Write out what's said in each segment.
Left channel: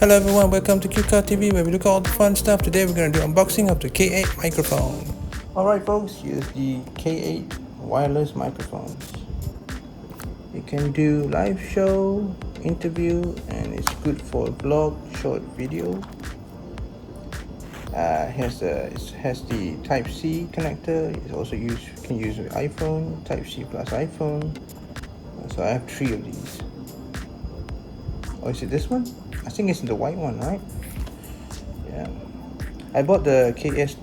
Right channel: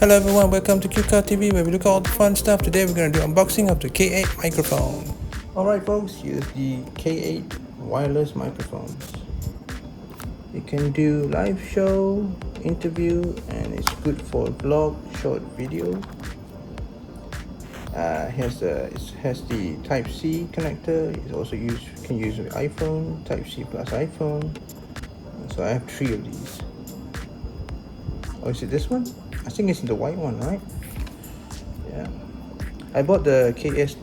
Hello everyone, welcome to QCar TV where we look at all the fun stuff. Today we're going to do unboxing of the K8 microphone. Alright folks, here's the K8 wireless microphones. It can do live show, interview, and it's good for vlog, short video. It has the Type-C connector. It's also can use with iPhone, Type-C plus iPhone. So I have 3 of these. Oh, is it this one? I think it's the white one, right? Yeah. I bought the K8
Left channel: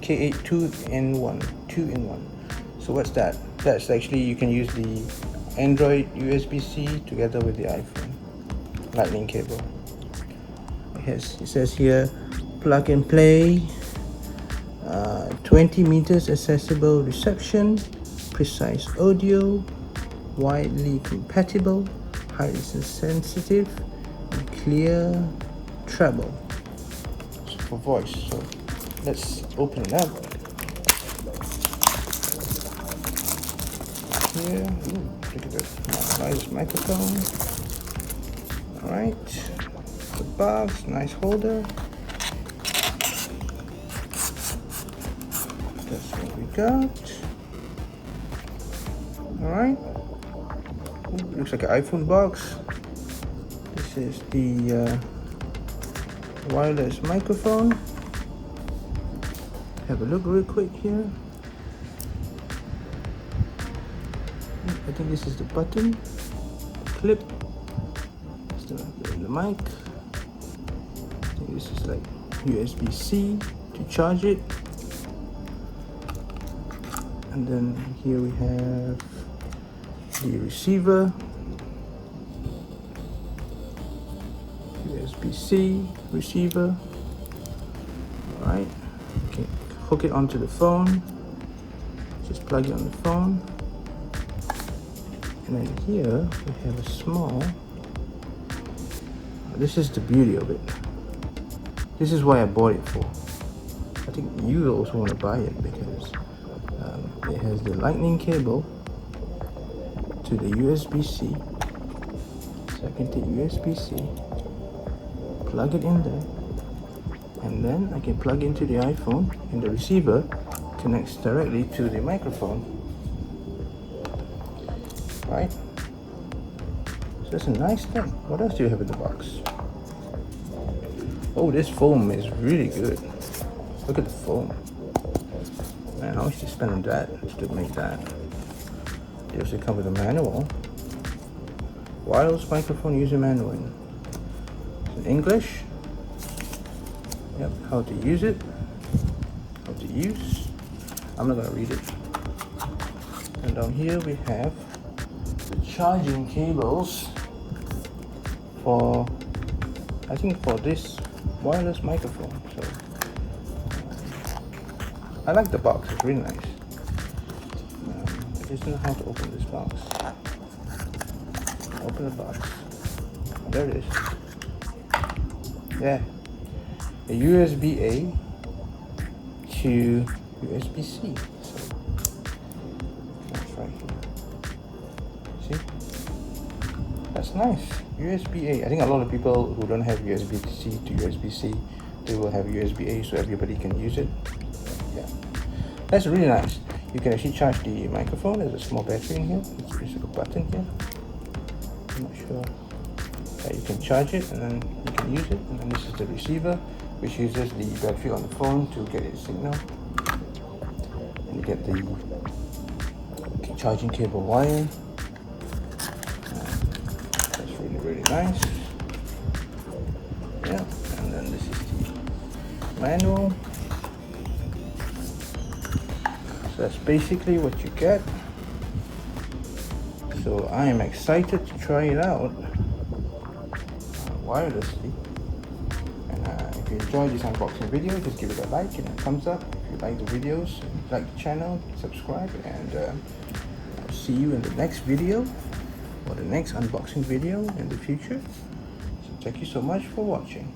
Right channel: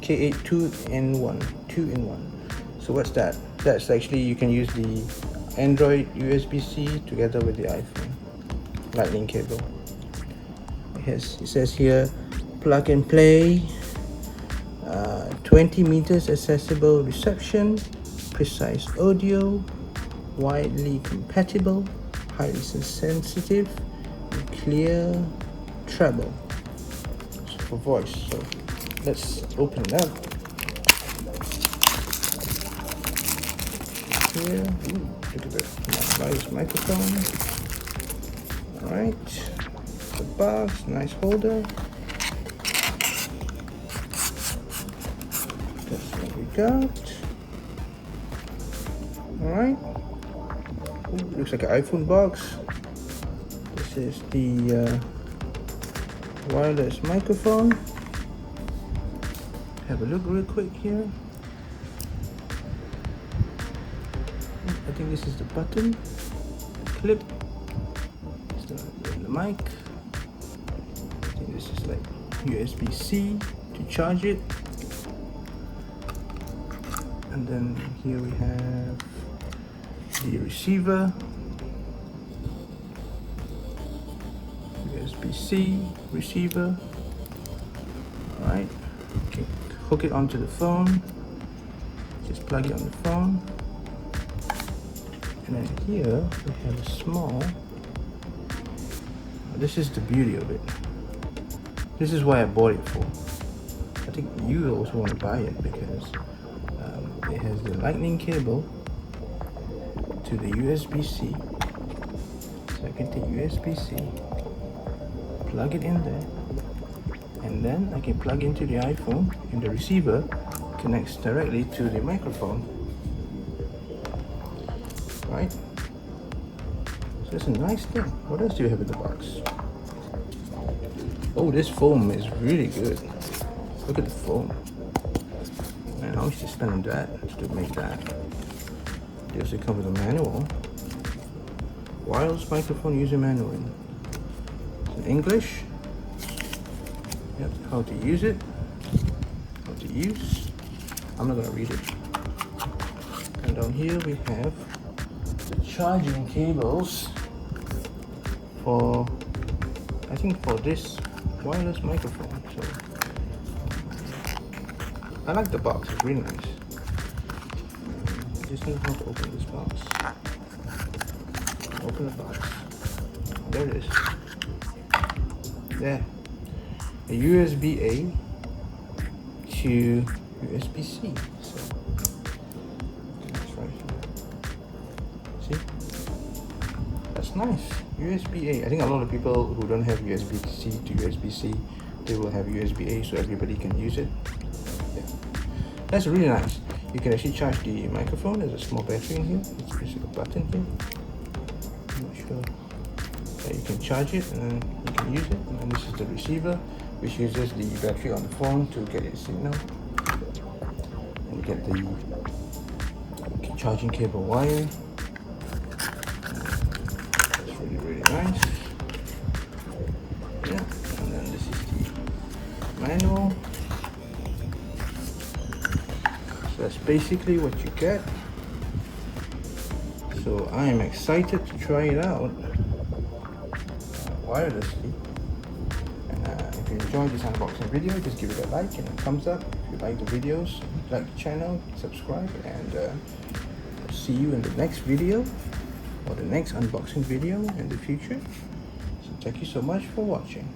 2-in-1. So what's that? That's actually, you can use the Android USB-C together with the iPhone lightning cable. It says here, plug and play, 20 meters accessible reception, precise audio, widely compatible, highly sensitive, and clear treble. So for voice. So let's open it up. Here, nice microphone. Right, the box, nice holder. Alright, looks like an iPhone box. This is the wireless microphone. Have a look real quick here. I think this is the button clip. The mic. I think this is like USB-C to charge it. And then here we have the receiver, USB-C receiver, right? Okay. Hook it onto the phone, just plug it on the phone. And then here we have a small, this is the beauty of it. This is why I bought it for. I think you also want to buy it because it has the lightning cable to the USB-C. So I can take USB-C, plug it in there, and then I can plug into the iPhone, and the receiver connects directly to the microphone. Right? So it's a nice thing. What else do you have in the box? Oh, this foam is really good. Look at the foam. Man, how much you spend on that to make that? They also come with a manual. Wireless microphone user manual. In English. Yep, how to use it. How to use. I'm not gonna read it. And down here we have charging cables for, I think for this wireless microphone. So, I like the box, it's really nice. Just know how to open this box. Open the box. There it is. Yeah. A USB-A to USB-C. So, that's right here. See? That's nice. USB-A. I think a lot of people who don't have USB-C to USB-C, they will have USB-A so everybody can use it. Yeah. That's really nice. You can actually charge the microphone. There's a small battery in here. There's a button here. I'm not sure. You can charge it and then you can use it. And then this is the receiver, which uses the battery on the phone to get its signal. And you get the charging cable wire. It's really, really nice. Yeah. And then this is the manual. That's basically what you get. So I am excited to try it out wirelessly. If you enjoyed this unboxing video, just give it a like and a thumbs up. If you like the videos, like the channel, subscribe, and see you in the next video, or the next unboxing video in the future. So thank you so much for watching.